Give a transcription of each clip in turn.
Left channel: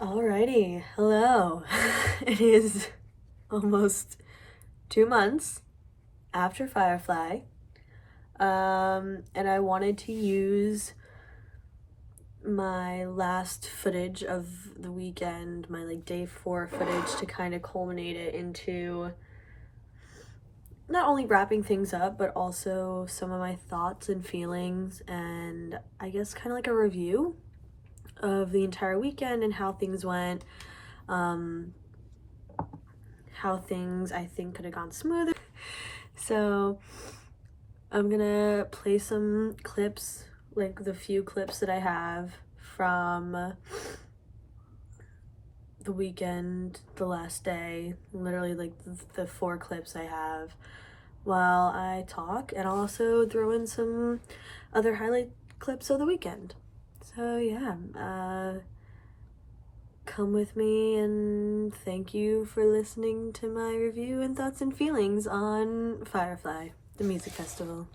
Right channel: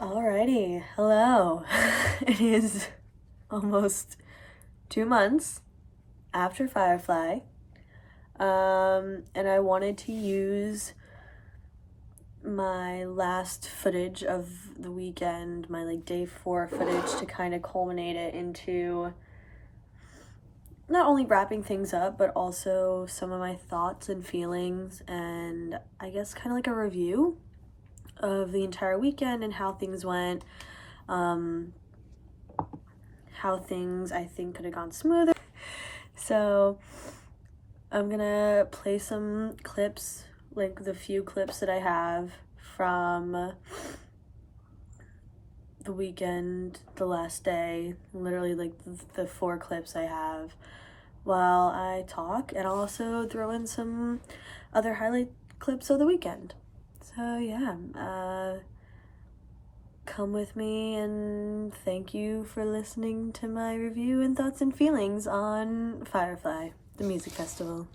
Alrighty, hello. It is almost 2 months after Firefly, and I wanted to use my last footage of the weekend, my day 4 footage, to kind of culminate it into not only wrapping things up, but also some of my thoughts and feelings, and I guess kind of like a review of the entire weekend and how things went, how things I think could have gone smoother. So I'm gonna play some clips, like the few clips that I have from the weekend, the last day, literally like the 4 clips I have while I talk, and I'll also throw in some other highlight clips of the weekend. So yeah, come with me, and thank you for listening to my review and thoughts and feelings on Firefly, the music festival.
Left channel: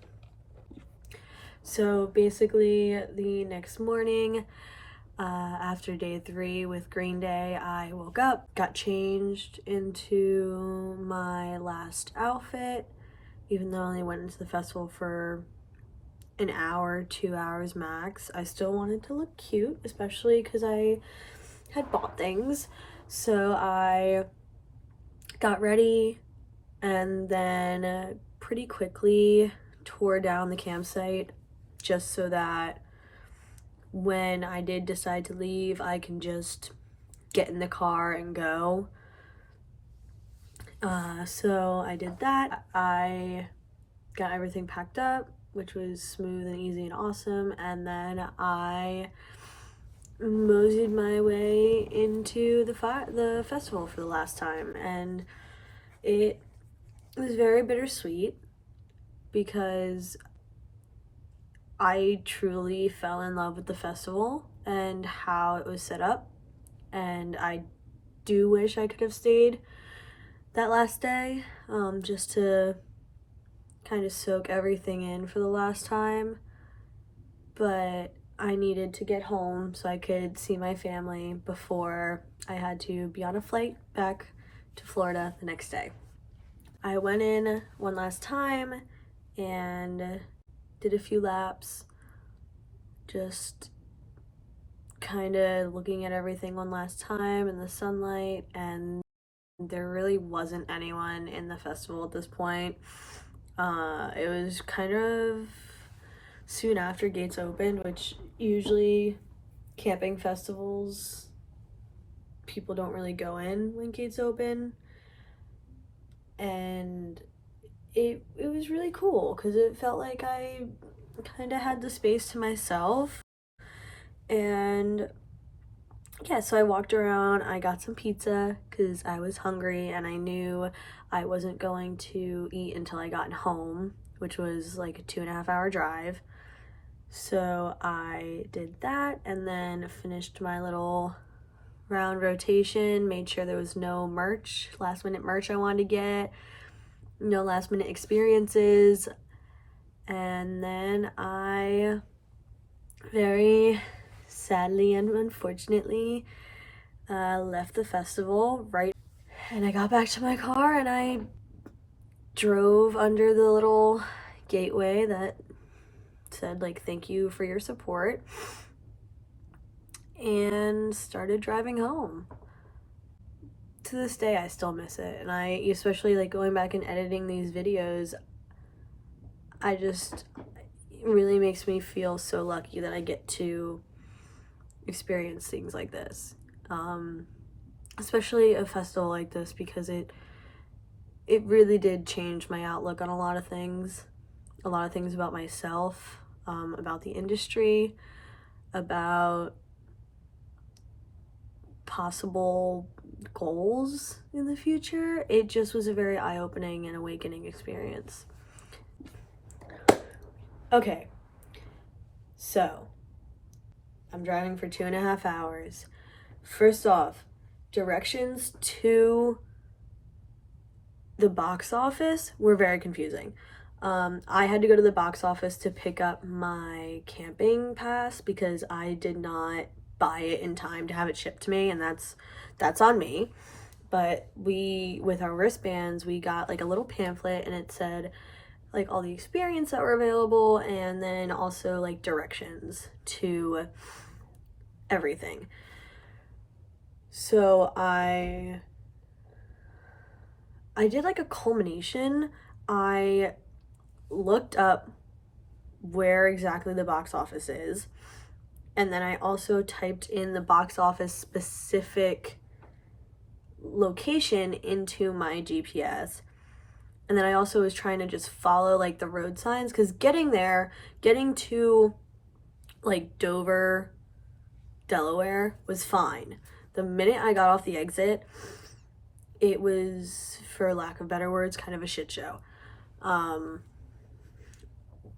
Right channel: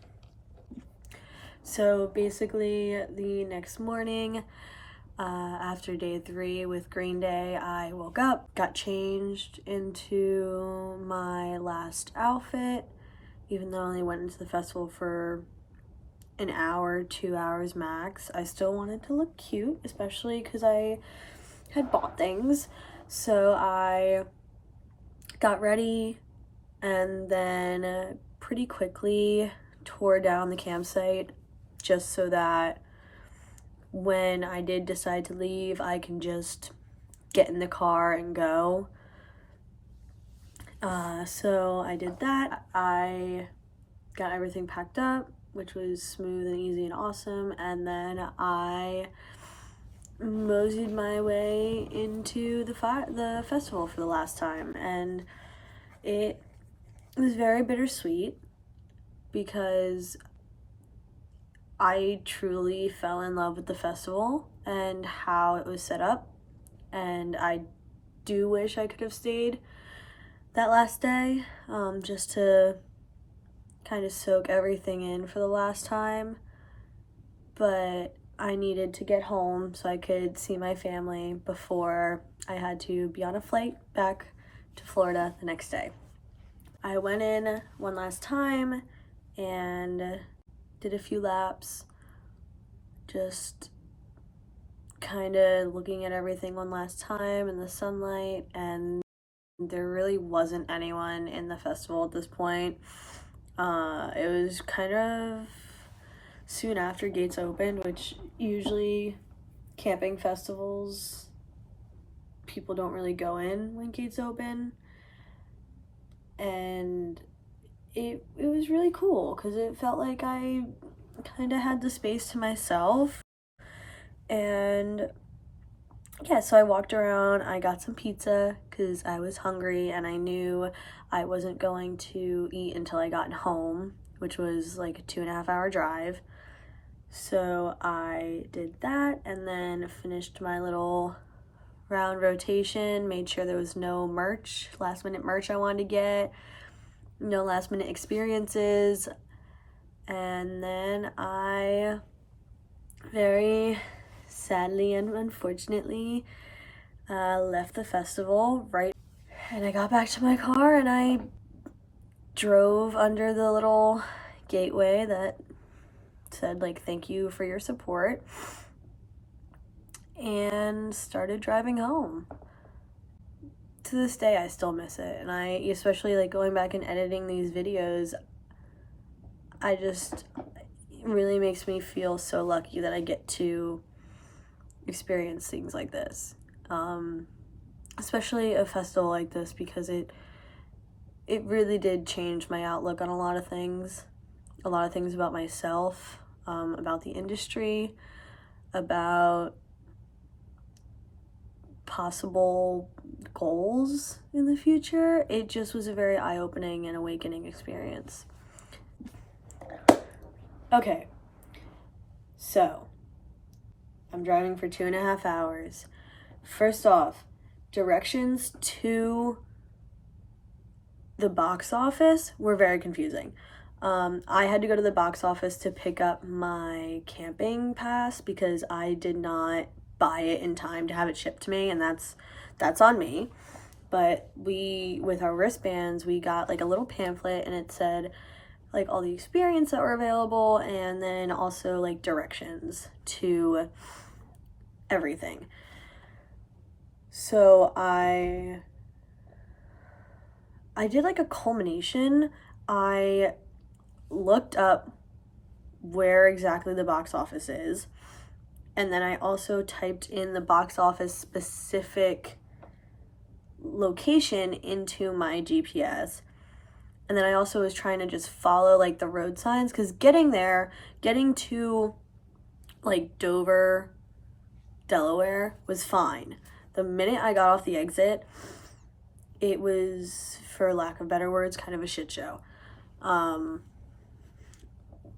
So basically, the next morning, after day 3 with Green Day, I woke up, got changed into my last outfit, even though I only went into the festival for an hour, 2 hours max. I still wanted to look cute, especially because I had bought things. So I got ready and then pretty quickly tore down the campsite, just so that when I did decide to leave, I can just get in the car and go. So I did that. I got everything packed up, which was smooth and easy and awesome, and then I moseyed my way into the festival for the last time, and it was very bittersweet because I truly fell in love with the festival and how it was set up, and I do wish I could have stayed that last day, just to kind of soak everything in for the last time, but I needed to get home so I could see my family before I had to be on a flight back to Florida the next day. I went in one last time and did a few laps, just kind of looking at everything one last time in the sunlight, and there really wasn't anyone in the festival at this point. It was kind of soon after gates opened, which usually camping festivals, people don't really go in when gates open, and it was really cool because it felt like I kind of had the space to myself. And yeah, so I walked around, I got some pizza because I was hungry and I knew I wasn't going to eat until I got home, which was like a 2.5 hour drive. So I did that and then finished my little round rotation, made sure there was no last minute merch I wanted to get, no last minute experiences, and then I very sadly and unfortunately left the festival and I got back to my car and I drove under the little gateway that said thank you for your support, and started driving home. To this day I still miss it, and I especially going back and editing these videos, it really makes me feel so lucky that I get to experience things like this, especially a festival like this, because it really did change my outlook on a lot of things about myself, about the industry, about possible goals in the future. It just was a very eye-opening and awakening experience. Okay, so I'm driving for 2.5 hours. First off, directions to the box office were very confusing. I had to go to the box office to pick up my camping pass because I did not buy it in time to have it shipped to me, and that's on me. But with our wristbands, we got like a little pamphlet, and it said like all the experience that were available, and then also like directions to everything. So I did like a culmination. I looked up where exactly the box office is, and then I also typed in the box office specific location into my GPS. And then I also was trying to just follow like the road signs, because getting to like Dover, Delaware was fine. The minute I got off the exit, it was, for lack of better words, kind of a shit show.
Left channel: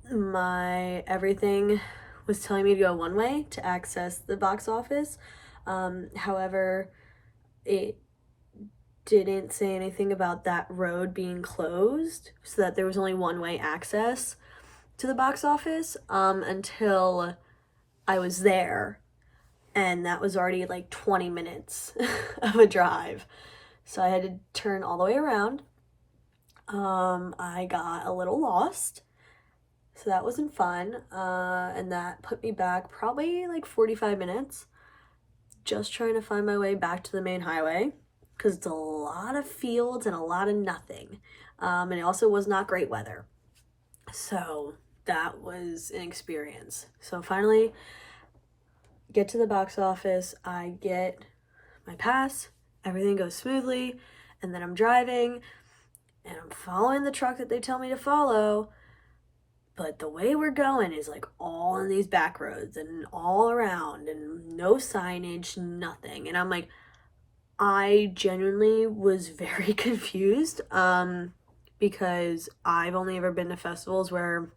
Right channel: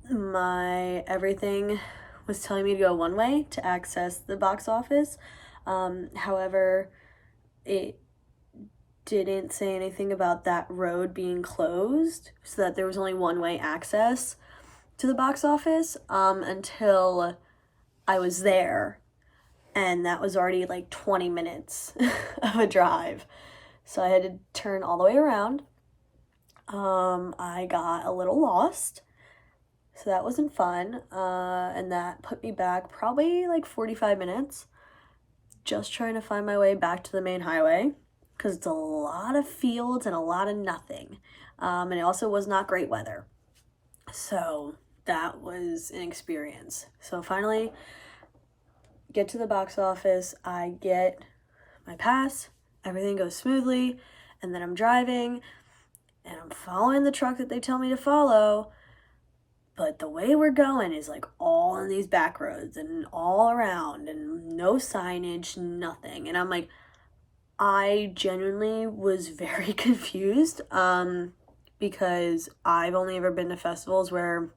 My everything was telling me to go one way to access the box office. However, it didn't say anything about that road being closed, so that there was only one-way access to the box office until I was there, and that was already like 20 minutes of a drive. So I had to turn all the way around. I got a little lost, so that wasn't fun, and that put me back probably like 45 minutes just trying to find my way back to the main highway, because it's a lot of fields and a lot of nothing, and it also was not great weather. So that was an experience. So finally get to the box office, I get my pass, everything goes smoothly, and then I'm driving and I'm following the truck that they tell me to follow, but the way we're going is like all in these back roads and all around and no signage, nothing. And I'm like, I genuinely was very confused, because I've only ever been to festivals where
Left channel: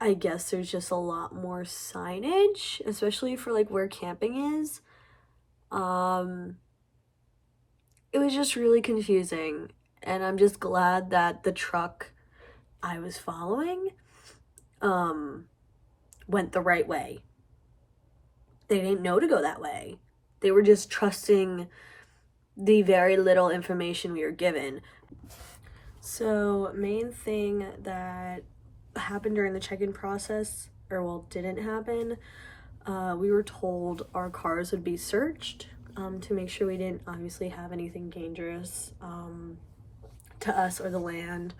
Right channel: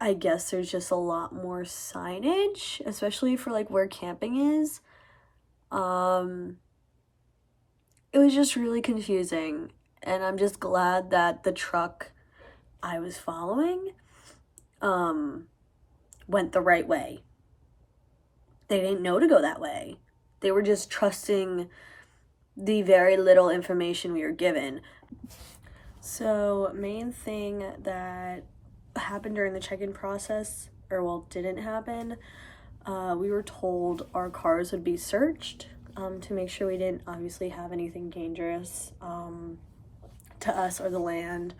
I guess there's just a lot more signage, especially for like where camping is. It was just really confusing, and I'm just glad that the truck I was following went the right way. They didn't know to go that way. They were just trusting the very little information we were given. So, main thing that happened during the check-in process, or well, didn't happen, we were told our cars would be searched to make sure we didn't obviously have anything dangerous to us or the land,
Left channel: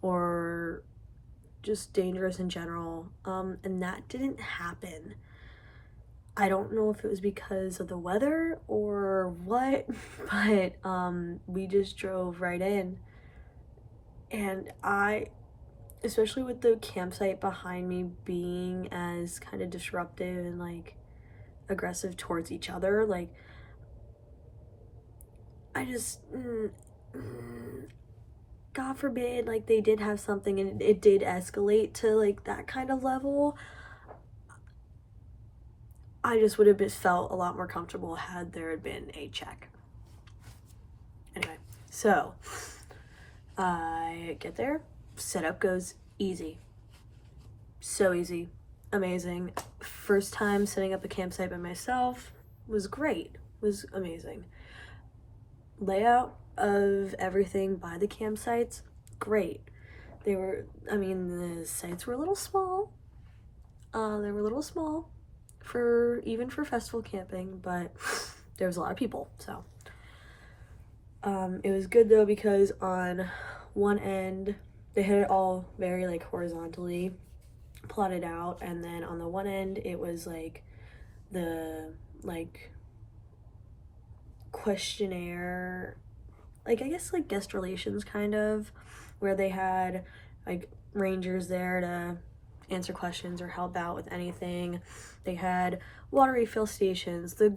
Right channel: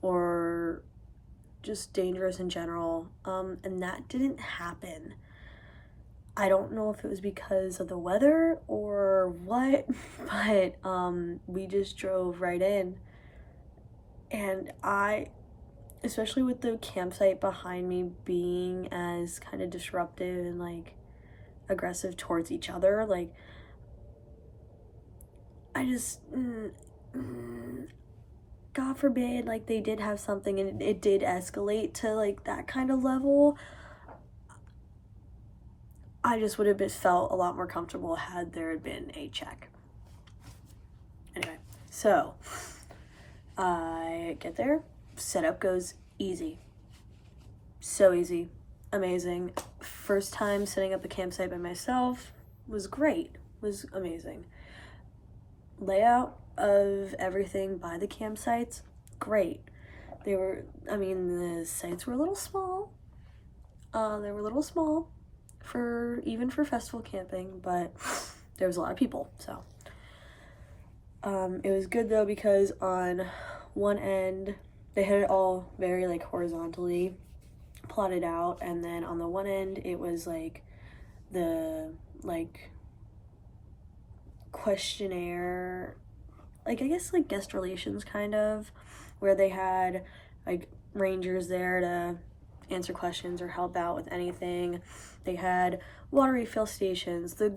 or just dangerous in general, and that didn't happen. I don't know if it was because of the weather or what, but we just drove right in, and especially with the campsite behind me being as kind of disruptive and like aggressive towards each other, like I just God forbid, like they did have something and it did escalate to like that kind of level, I just would have felt a lot more comfortable had there had been a check. Anyway, so I get there, setup goes easy. So easy. Amazing. First time setting up a campsite by myself was great. Was amazing. Layout of everything by the campsites, great. The sites were a little small. They were a little small even for festival camping, but there was a lot of people, so. It was good though, because on one end, they had it all very like horizontally plotted out, and then on the one end, it was like the like questionnaire, like I guess like guest relations kind of, where they had like rangers there to answer questions or help out with anything. They had water refill stations, the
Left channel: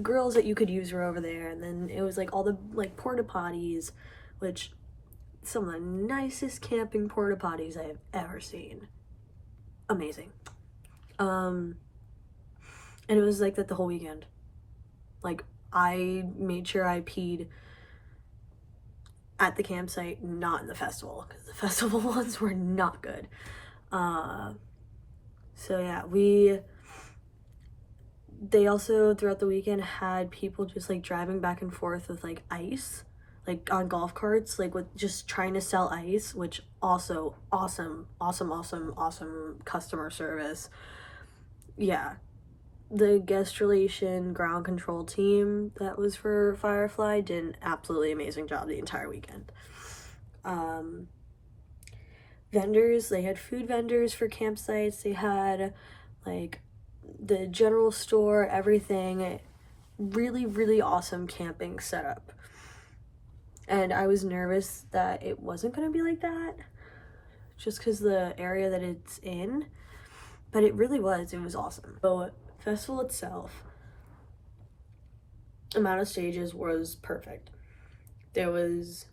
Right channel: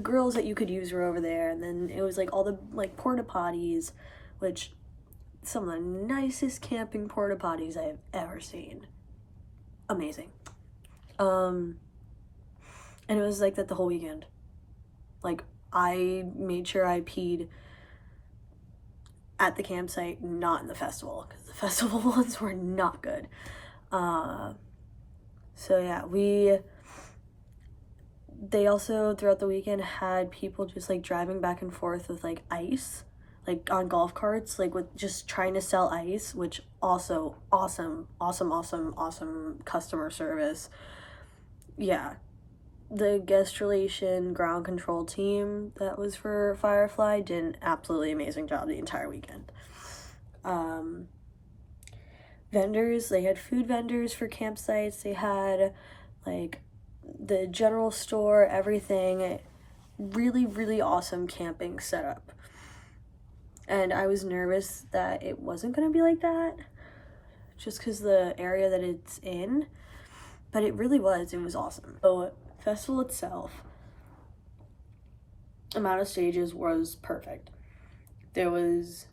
girls that you could use were over there, and then it was like all the like porta potties, which some of the nicest camping porta potties I have ever seen. Amazing. And it was like that the whole weekend. Like I made sure I peed at the campsite, not in the festival, because the festival ones were not good. So yeah, they also throughout the weekend had people just like driving back and forth with like ice, like on golf carts, like with just trying to sell ice, which also awesome customer service. Yeah, the guest relation ground control team that was for Firefly did an absolutely amazing job the entire weekend. Vendors, they had food vendors for campsites, they had like the general store, everything. Really awesome camping setup. And I was nervous that it wasn't going to be like that just because the area that it's in, but it really was. It was awesome. So festival itself, amount of stages was perfect. There was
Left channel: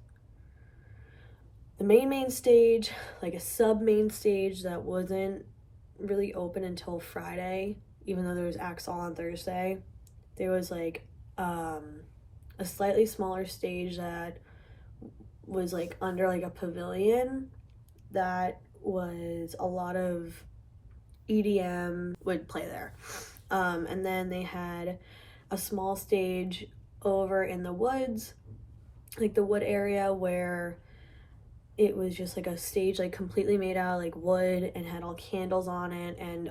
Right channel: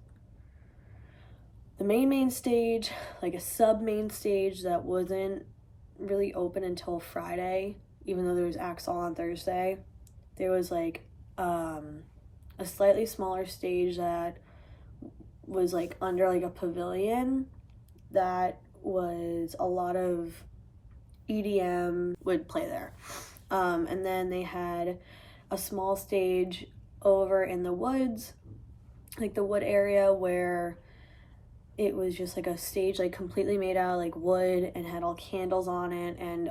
the main stage, like a sub main stage that wasn't really open until Friday, even though there was acts all on Thursday. There was like a slightly smaller stage that was like under like a pavilion that was a lot of EDM would play there. And then they had a small stage over in the woods, like the wood area, where it was just like a stage like completely made out of like wood and had all candles on it, and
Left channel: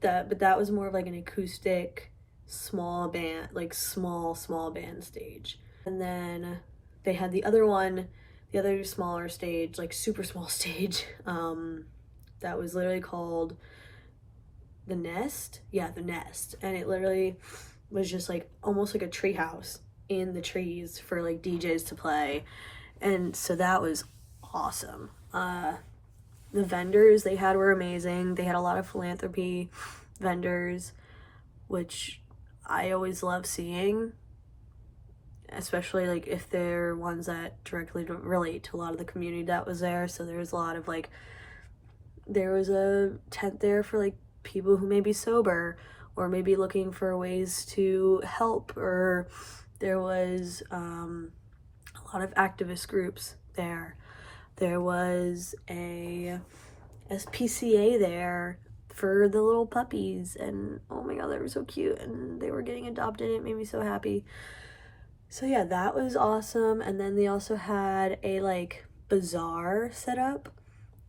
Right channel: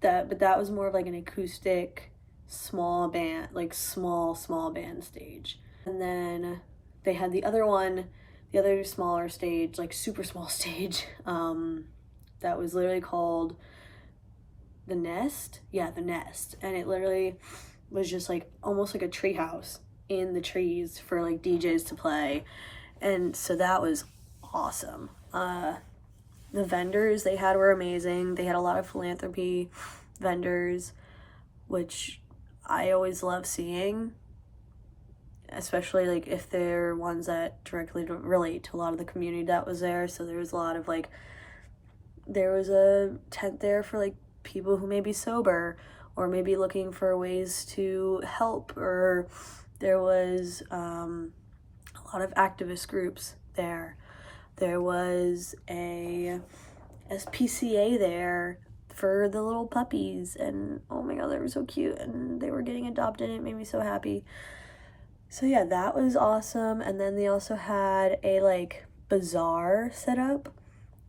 that was more of like an acoustic small band, like small band stage. And then they had the other smaller stage, like super small stage, that was literally called the Nest. Yeah, the Nest. And it literally was just like almost like a tree house in the trees for like DJs to play. And so that was awesome. The vendors they had were amazing. They had a lot of philanthropy vendors, which I always love seeing, especially like if they're ones that directly relate to a lot of the community that was there. So there was a lot of like, there was a tent there for like people who may be sober or maybe looking for ways to help, or there was a lot of activist groups there. There was a SPCA there for the little puppies, and oh my god, they were so cute, and they were getting adopted, and it made me so happy. So yeah, that was awesome. And then they also had a like bazaar set up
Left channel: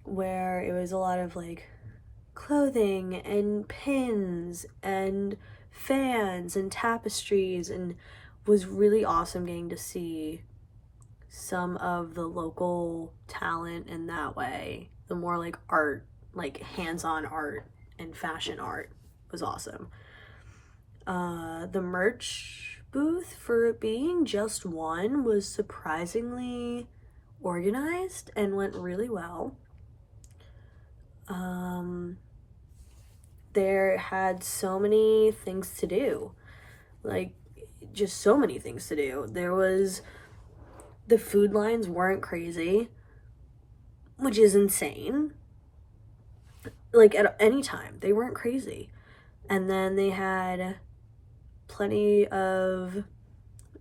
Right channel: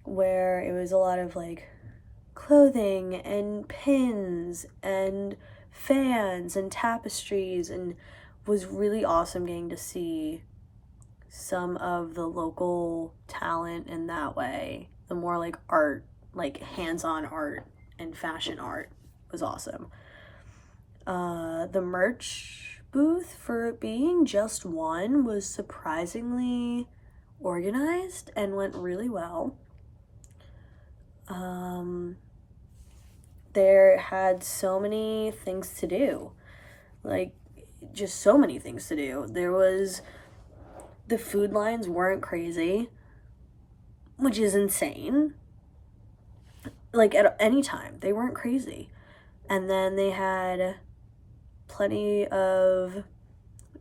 where it was a lot of like clothing and pins and fans and tapestries, and was really awesome getting to see some of the local talent in that way. The more like art, like hands-on art and fashion art was awesome. The merch booth, for it being just one, was surprisingly organized and went really well. There had so many things to do, like just so many things to do. The food lines weren't crazy, which is insane. Like at any time, they weren't crazy. And then they had plenty of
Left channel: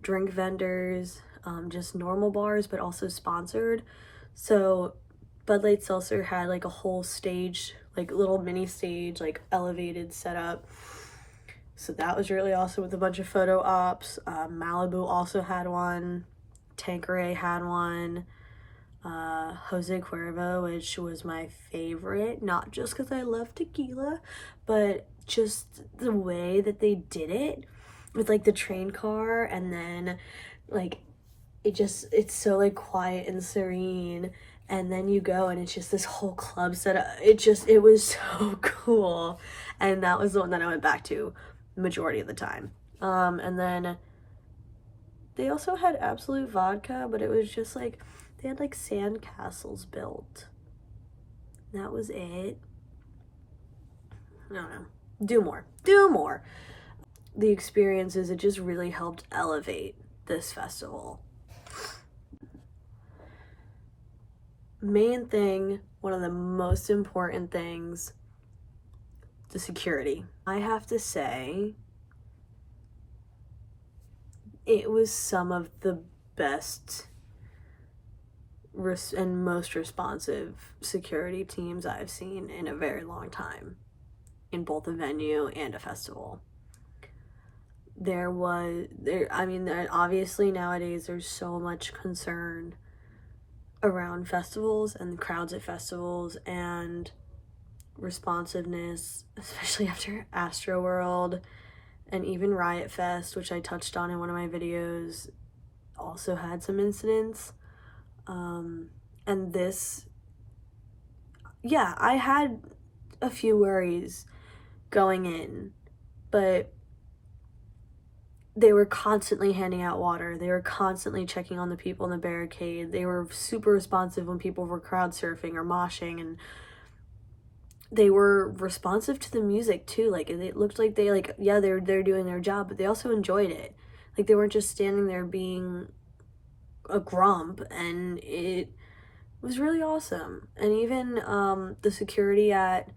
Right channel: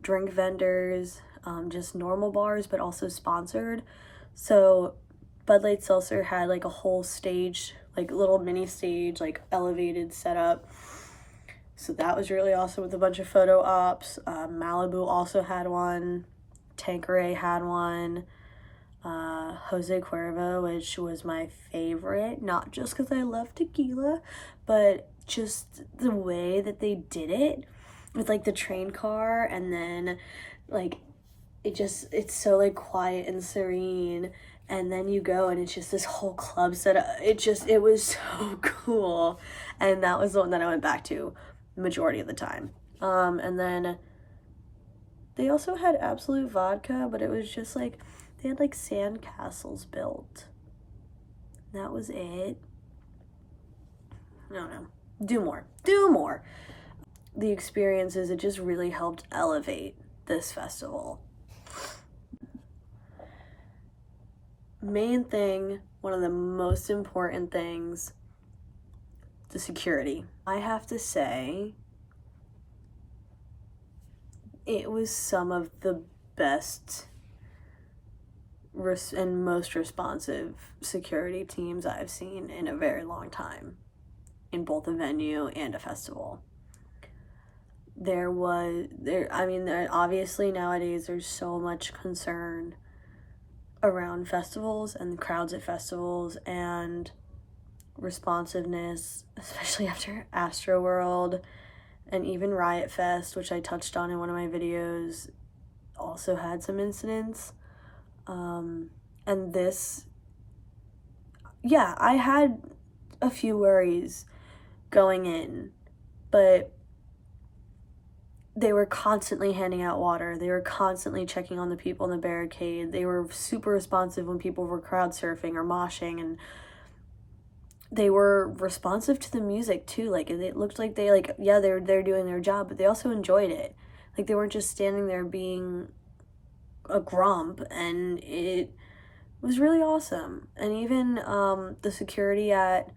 drink vendors, just normal bars, but also sponsored. So Bud Light Seltzer had like a whole stage, like little mini stage, like elevated setup. So that was really awesome with a bunch of photo ops. Malibu also had one. Tanqueray had one. Jose Cuervo, which was my favorite, not just because I love tequila, but just the way that they did it with like the train car, and then like it's so like quiet and serene, and then you go and it's just this whole club setup. It was so cool, and that was the one that I went back to majority of the time. And then they also had Absolute Vodka, but it was just like they had like sand castles built. That was it. I don't know. Do more. The experiences, it just really helped elevate this festival. Main thing, one of the most important things, the security. I have to say, it was some of the best and most responsive security teams I've seen in a very long time in both a venue and a festival. Obviously nowadays there's so much concern around festivals and the crowds at festivals and responsiveness, especially after Astroworld and even Riot Fest, which I touched on in one of my videos, also had some incidents. And this, yeah, I had a few worries going in, but they were constantly handing out water. They were constantly checking on the people in the barricade. They were super responsive when people were crowd surfing or moshing, and they were responsive to the music too. Like, it looked like they, like, yeah, they're doing their job, but they also enjoyed it. Like, they weren't just standing there being a grump, and it was really awesome. And even the security at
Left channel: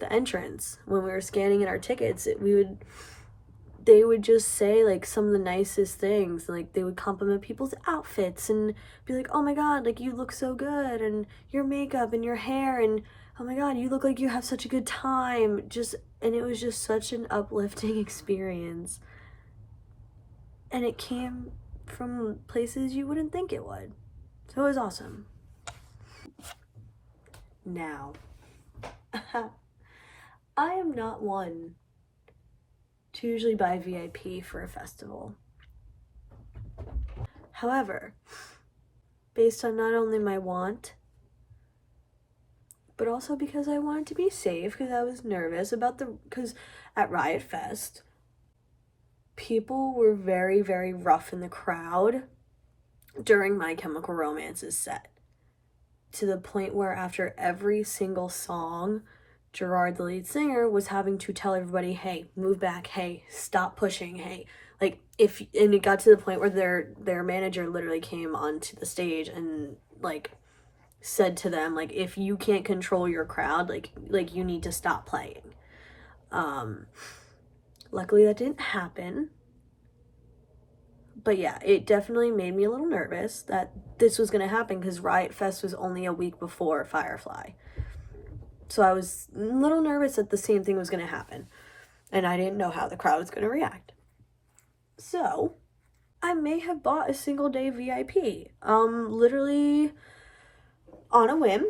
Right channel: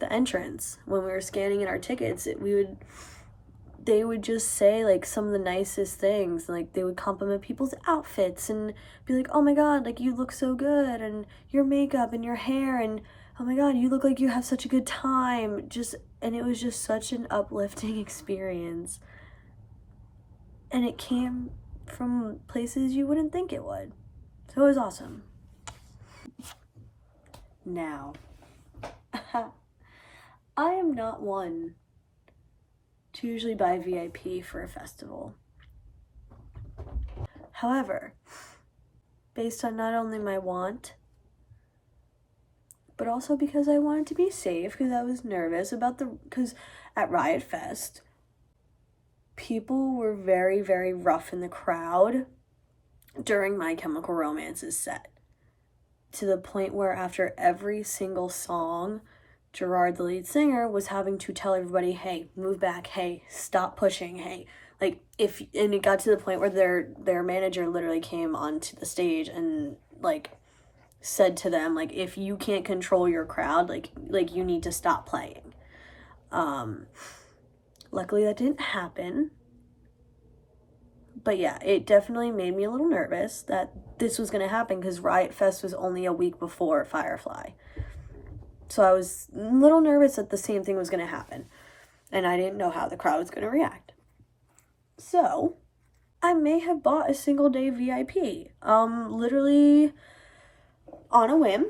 the entrance, when we were scanning in our tickets, they would just say, like, some of the nicest things. Like, they would compliment people's outfits and be like, oh my god, like, you look so good, and your makeup and your hair, and oh my god, you look like you have such a good time. And it was just such an uplifting experience. And it came from places you wouldn't think it would. So it was awesome. Now, I am not one to usually buy VIP for a festival. However, based on not only my want, but also because I wanted to be safe, because I was nervous because at Riot Fest, people were very, very rough in the crowd during My Chemical Romance's set, to the point where after every single song, Gerard, the lead singer, was having to tell everybody, hey, move back, hey, stop pushing, hey. Like, and it got to the point where their manager literally came onto the stage and, like, said to them, like, if you can't control your crowd, like you need to stop playing. Luckily that didn't happen. But yeah, it definitely made me a little nervous that this was going to happen, because Riot Fest was only a week before Firefly. So I was a little nervous that the same thing was going to happen, and I didn't know how the crowd was going to react. So I may have bought a single day VIP, literally on a whim.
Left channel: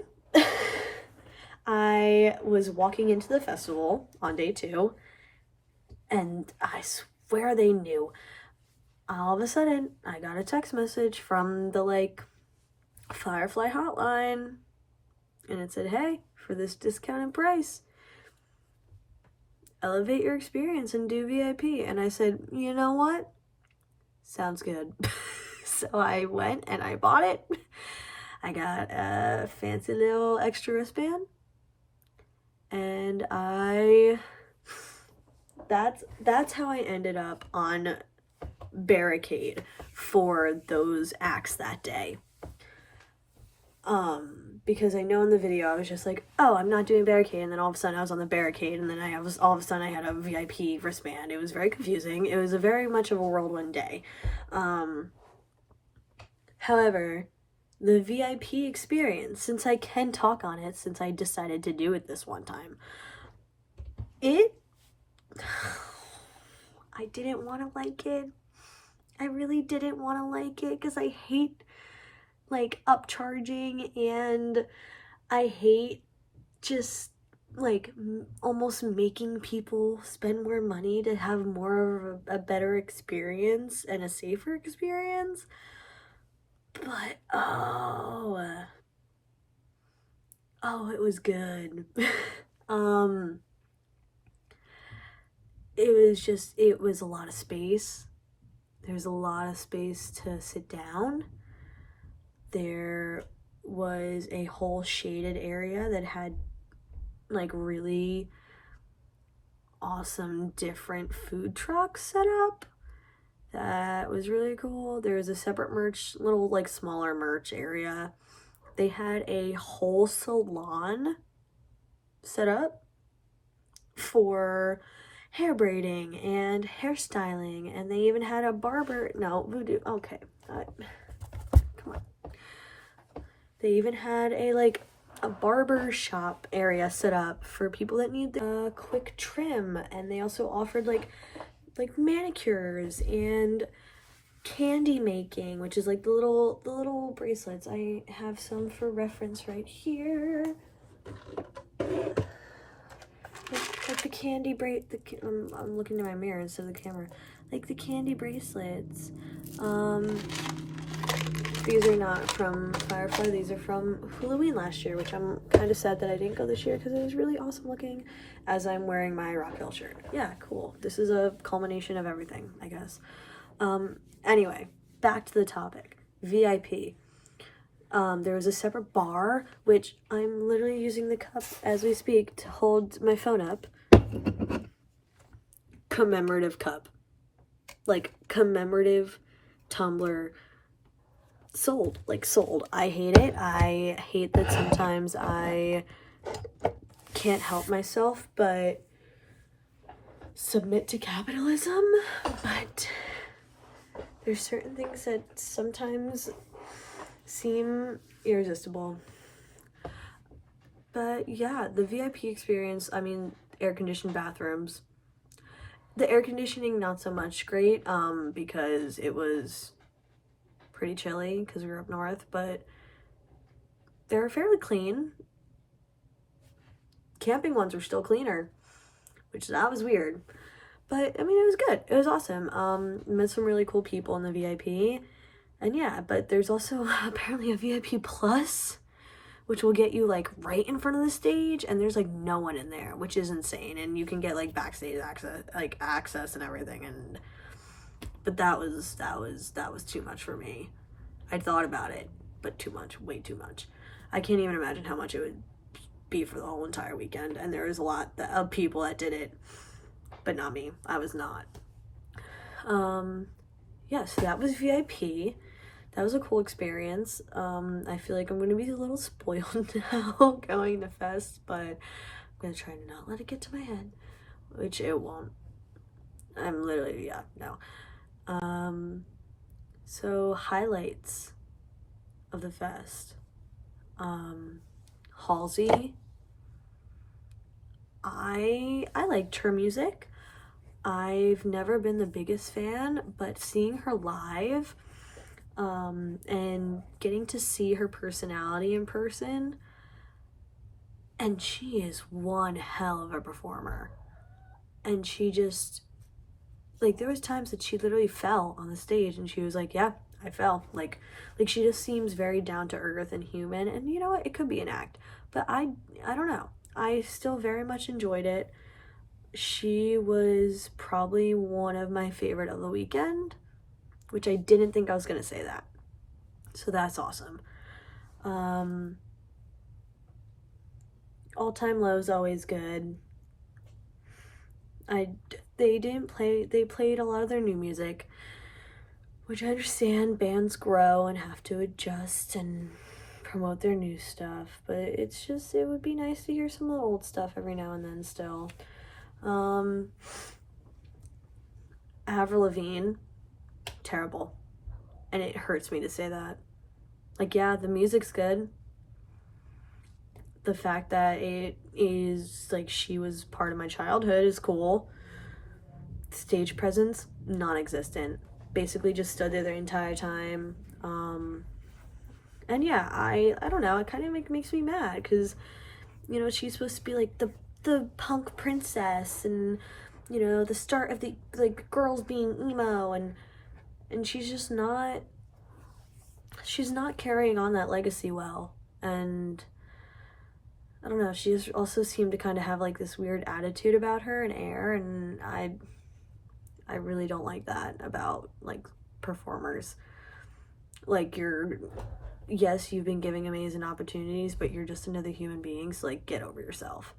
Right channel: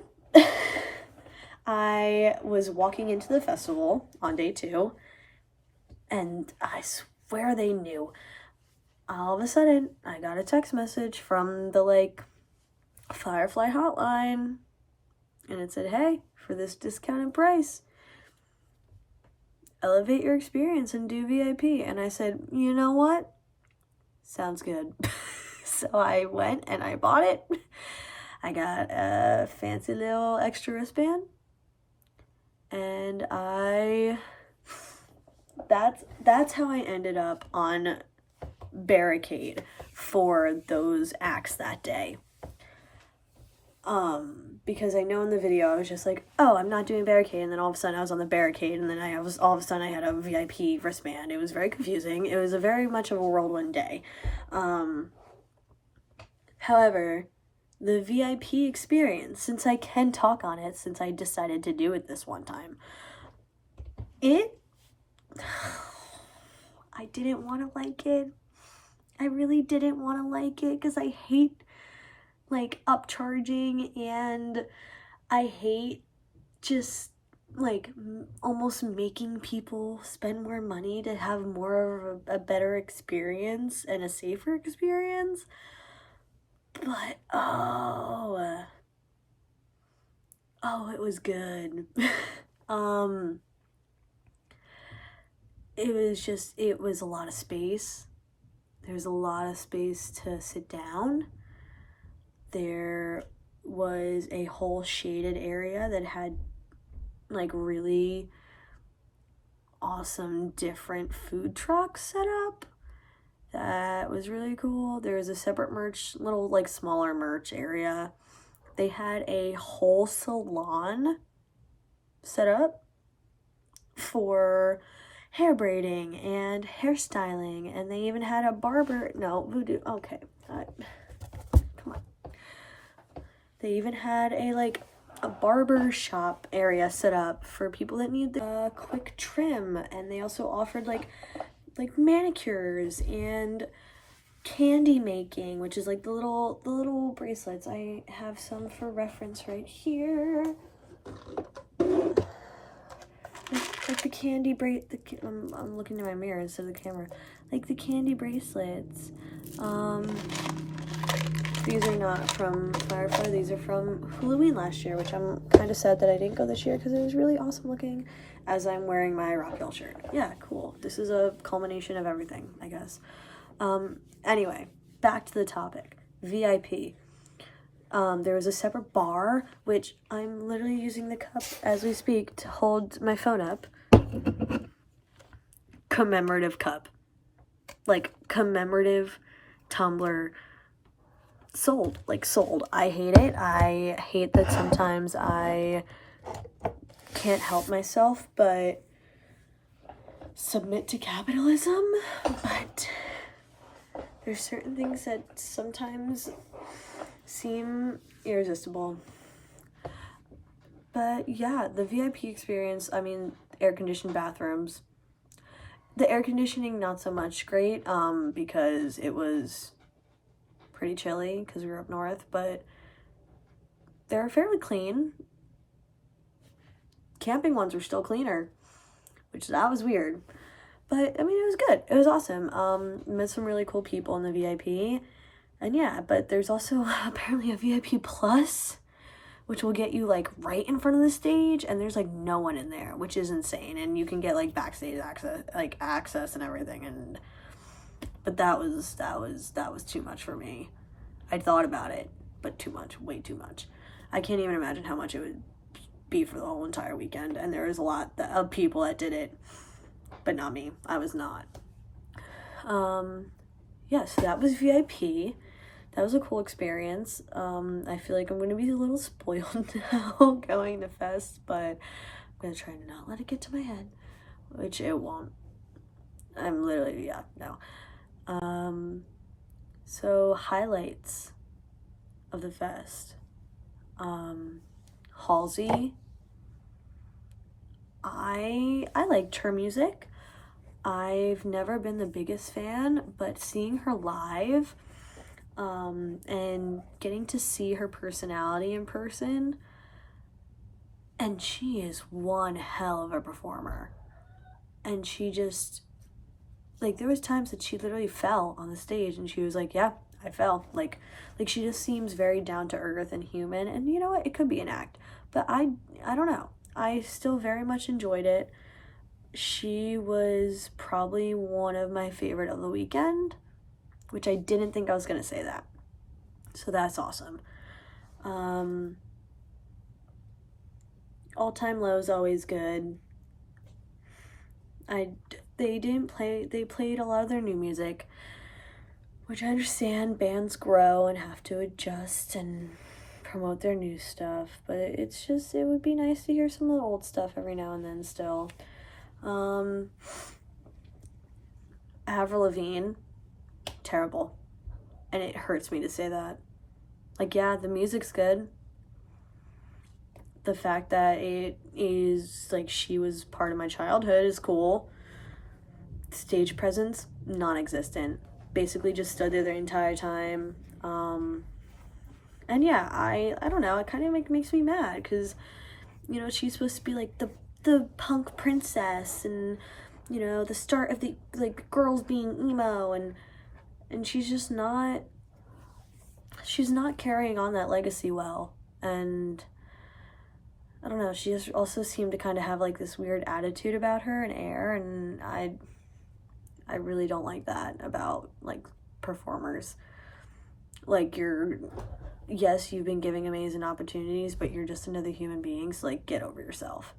I was walking into the festival on day 2, and I swear they knew. All of a sudden, I got a text message from the, like, Firefly hotline, and it said, hey, for this discounted price, elevate your experience and do VIP. And I said, you know what? Sounds good. So I went and I bought it. I got a fancy little extra wristband, and that's how I ended up on barricade for those acts that day. Because I know in the video I was just like, oh, I'm not doing barricade, and then all of a sudden I was on the barricade, and then I had a VIP wristband. It was very confusing. It was a very much of a whirlwind day. However, the VIP experience, since I can talk on it, since I decided to do it this one time, I didn't want to like it. I really didn't want to like it, because I hate, like, upcharging, and I hate just, like, almost making people spend more money to have more of a better experience and a safer experience. But it was good. It was a lot of space. There was a lot of space to sit down. There was a whole shaded area that had, like, really awesome different food trucks set up. That was really cool. There was a separate little, like, smaller merch area. They had a whole salon set up for hair braiding and hairstyling, and they even had a voodoo, okay, come on. They even had a, like, a barber shop area set up for people that need a quick trim, and they also offered like manicures and candy making, which is like the little bracelets. I have some for reference right here. Like the candy I'm looking in my mirror instead of the camera. Like the candy bracelets. These are not from Firefly. These are from Halloween last year, which I'm kind of sad that I didn't go this year because it was really awesome looking as I'm wearing my Rock Hill shirt. Yeah, cool. This is a culmination of everything, I guess. Anyway, back to the topic. VIP. There was a separate bar, which I'm literally using the cup as we speak to hold my phone up. Commemorative cup. Like, commemorative tumbler. Sold. I hate it. I hate that sometimes I can't help myself but submit to capitalism, but there's certain things that sometimes seem irresistible. But yeah, the VIP experience, I mean, air-conditioned bathrooms. The air conditioning, not so much great, because it was pretty chilly because we were up north, but they're fairly clean. Camping ones were still cleaner, which that was weird. But, I mean, it was good. It was awesome. Met some really cool people in the VIP. And yeah, but there's also apparently a VIP Plus, which will get you, like, right in front of the stage, and there's, like, no one in there, which is insane. And you can get, like, backstage access and everything, but that was too much for me. I thought about it, but too much, way too much. I can't even imagine how much it would be for the whole entire weekend, and there was a lot of people that did it, but not me. I was not. Yeah, so that was VIP. That was a cool experience. I feel like I'm going to be a little spoiled now going to Fest, but I'm going to try to not let it get to my head, which it won't. I'm literally, yeah, no. So highlights of the Fest. Halsey. I liked her music. I've never been the biggest fan, but seeing her live, and getting to see her personality in person, and she is one hell of a performer. And she just, like, there was times that she literally fell on the stage and she was like, yeah, I fell. Like she just seems very down to earth and human, and you know what, it could be an act, but I don't know. I still very much enjoyed it. She was probably one of my favorite of the weekend, which I didn't think I was going to say that. So that's awesome. All Time Low is always good. They played a lot of their new music, which I understand bands grow and have to adjust and promote their new stuff, but it's just, it would be nice to hear some of the old stuff every now and then still. Avril Lavigne, terrible. And it hurts me to say that. Like, yeah, the music's good. The fact that it is, like, she was part of my childhood is cool. Stage presence, non-existent. Basically just stood there the entire time. And yeah, I don't know, it kind of makes me mad, because, you know, she's supposed to be, like, the punk princess, and, you know, the start of the, like, girls being emo, and she's just not, she's not carrying on that legacy well. And I don't know, she just also seemed to kind of have, like, this weird attitude about her and air, and I really don't like that about, like, performers. Like, yes, you've been giving amazing opportunities, but you're just another human being, so, like, get over yourself.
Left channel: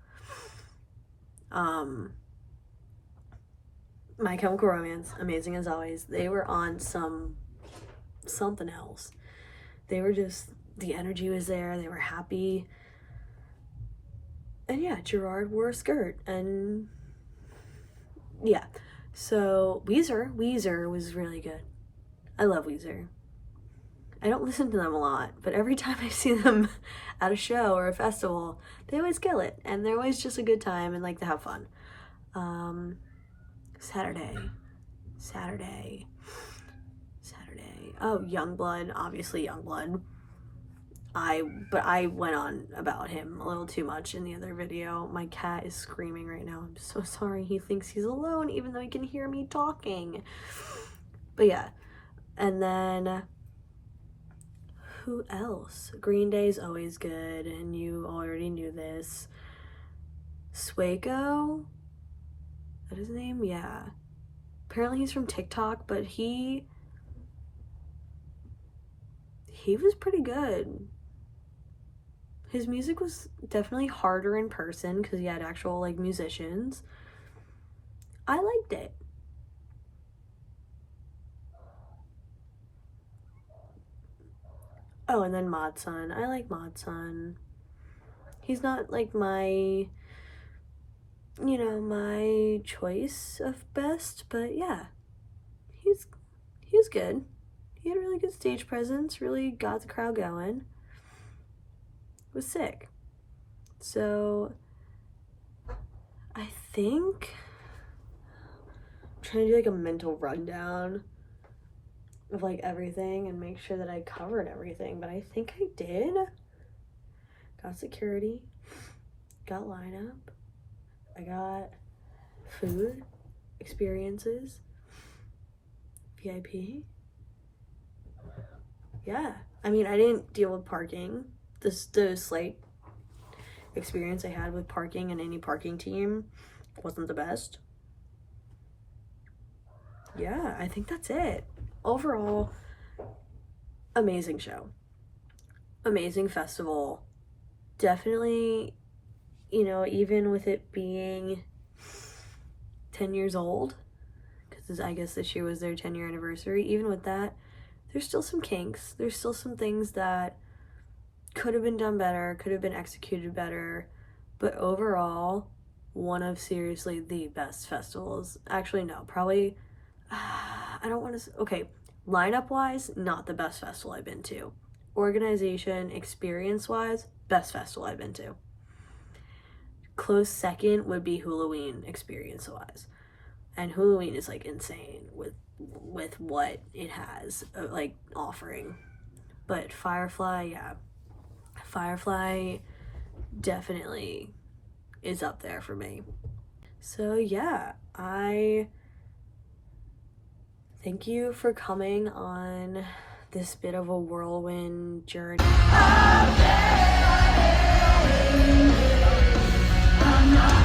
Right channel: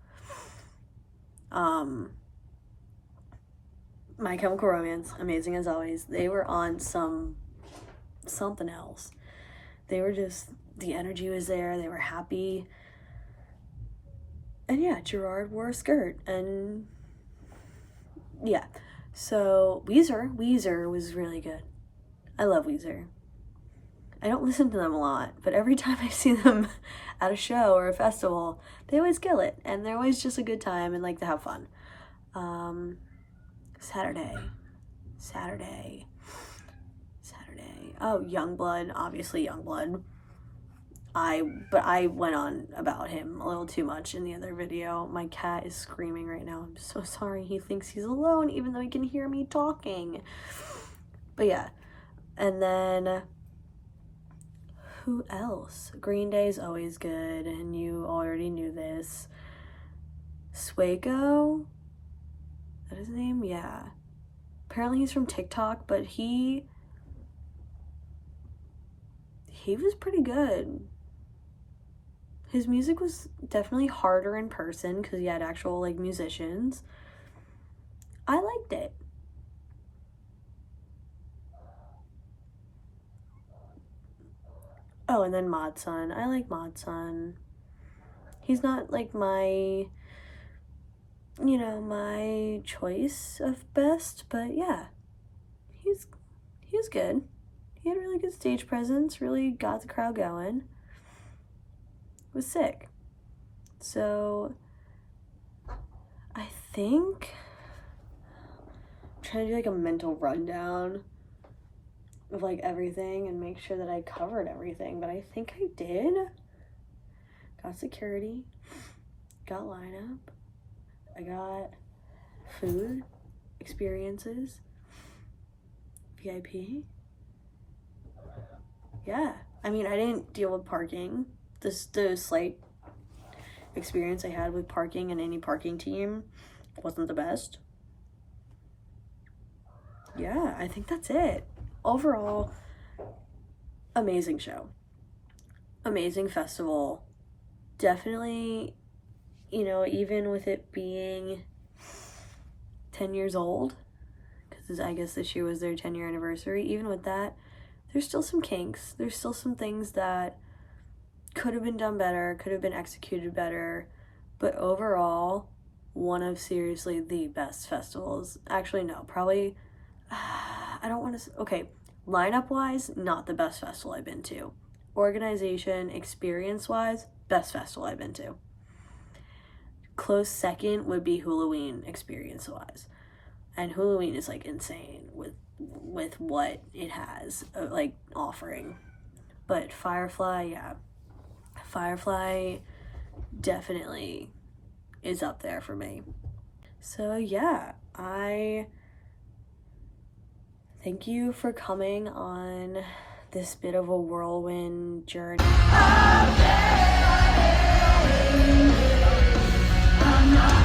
My Chemical Romance, amazing as always. They were on something else. They were just, the energy was there, they were happy. And yeah, Gerard wore a skirt, and yeah. So Weezer was really good. I love Weezer. I don't listen to them a lot, but every time I see them at a show or a festival, they always kill it, and they're always just a good time and like to have fun. Saturday. Oh, Youngblood, obviously Youngblood. But I went on about him a little too much in the other video. My cat is screaming right now. I'm so sorry. He thinks he's alone even though he can hear me talking. But yeah. And then who else? Green Day is always good, and you already knew this. Swaco? Is that his name? Yeah. Apparently he's from TikTok, but he was pretty good. His music was definitely harder in person because he had actual like musicians. I liked it. Oh, and then Modson. I like Modson. He's not like my choice of best, but yeah. He was good. He had really good stage presence, really got the crowd going. It was sick. So I think I'm trying to do like a mental rundown of like everything and make sure that I covered everything, but I think I did. Got security, got lineup, I got food, experiences, VIP. Yeah, I mean, I didn't deal with parking. The slight experience I had with parking and any parking team wasn't the best. Yeah, I think that's it. Overall, amazing show. Amazing festival. Definitely, even with it being 10 years old, because I guess this year was their 10-year anniversary, even with that, there's still some kinks. There's still some things that could have been done better, could have been executed better, but overall, one of seriously the best festivals. Actually, no, probably, I don't want to, okay, lineup-wise, not the best festival I've been to. Organization, experience-wise, best festival I've been to. Close second would be Halloween, experience-wise. And Halloween is, like, insane with what it has, like, offering. But Firefly, yeah. Firefly definitely is up there for me. So yeah, I thank you for coming on this bit of a whirlwind journey. I'm not